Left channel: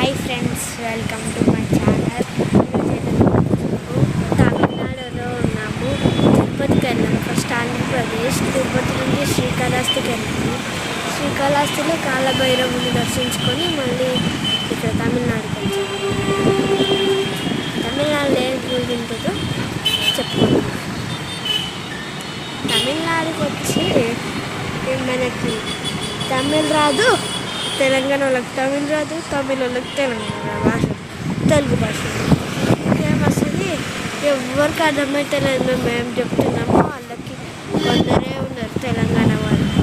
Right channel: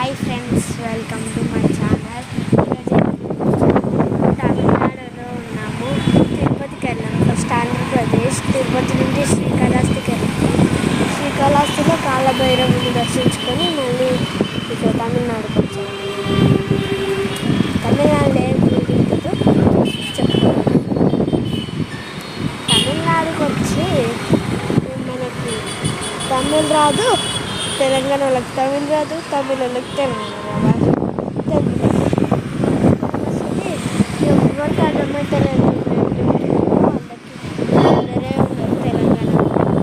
Hi friends, welcome to my channel. తమిళనాడులో ఉన్నాము. తిరుపతికి వెళ్ళాము. ఫస్ట్ ఆంధ్రప్రదేశ్, తిరుపతి నుంచి శ్రీకాళహస్తికి వెళ్ళాము. శ్రీకాళహస్తిలో కాలభైరవుని దర్శించుకొని మళ్ళీ ఇక్కడ తమిళనాడుకి వచ్చాము. తమిళనాడులో ఏ గుడి ఉంటుందో చెప్పుకోవాలి. తమిళనాడుకి వచ్చి మనకి తమిళ్ రాదు, తెలంగాణ వాళ్ళకి తమిళ్ రాదు, తమిళ వాళ్ళకి తెలంగాణ భాష, తెలుగు భాష ఫేమస్ది. ఎవరికి అర్థమైతేలేదు మేము చెప్తున్నాము. వాళ్ళకి అందరే ఉన్నారు తెలంగాణ వాళ్ళు.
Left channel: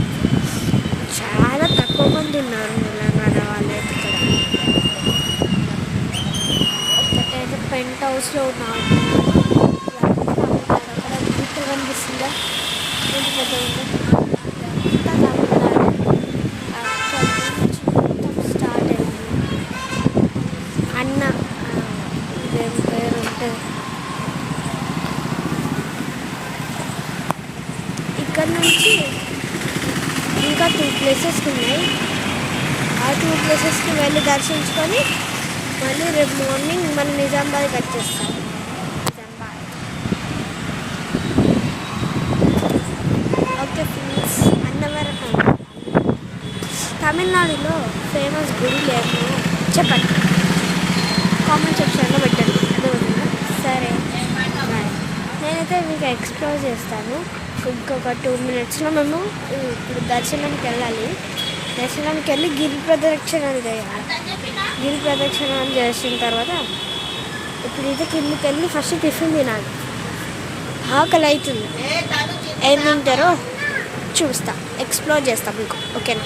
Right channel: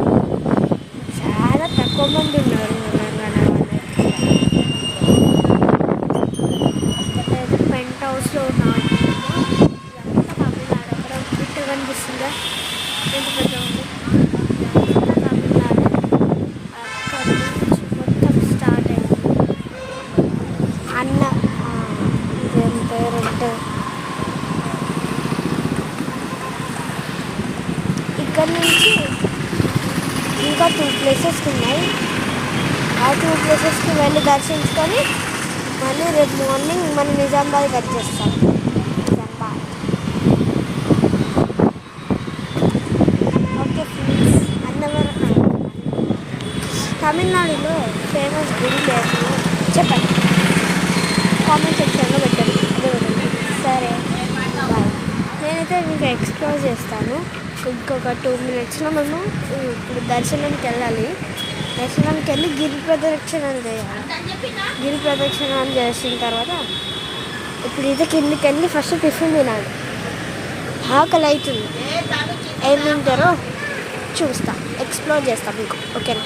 చాలా తక్కువ మంది ఉన్నారు తెలంగాణ వాళ్ళు. ఒకటైతే పెంట్ హౌస్లో ఉన్నాం. తమిళనాడు అక్కడ గుట్ట కనిపిస్తుందా, ఎంత పెద్ద ఉంది. తమిళనాడు అక్కడ మొత్తం స్టార్ట్ అయింది. అన్న ఇదేం పేరు ఉంటుంది. ఇక్కడ నుంచి ఇంకా 2 ప్లేసెస్ ఉన్నాయి. ఆ 2 ప్లేసెస్కి వెళ్ళి దర్శించుకొని మళ్ళీ రేపు మార్నింగ్ మనం నిజామాబాద్కి వచ్చేస్తాం. Nizamabad okay friends. అన్నవరం తమిళనాడులో ఫేమస్ గుడి లేదు చెప్పండి, కామెంట్ సెక్షన్లో పెట్టండి. అర్థమవుతుంది. సరే బాయ్. నేనైతే మీకు ఎక్స్ప్లోర్ చేస్తాను. ఇంకొక 2 మినిట్స్లో మేము ఇప్పుడు దర్శనంకి వెళ్ళాలి. దర్శనంకి వెళ్ళి గిరి ప్రదక్షిణాలు చేయాలి. గిరి ప్రదక్షిణాలు చేసిన తర్వాత ఇప్పుడైతే కిందికి వెళ్ళి ఫస్ట్ టిఫిన్ తినాలి. ఆకలి అవుతుంది. ఏం తింటారో చూస్తా, ఎక్స్ప్లోర్ చేస్తాం మీకు. ఓకేనా?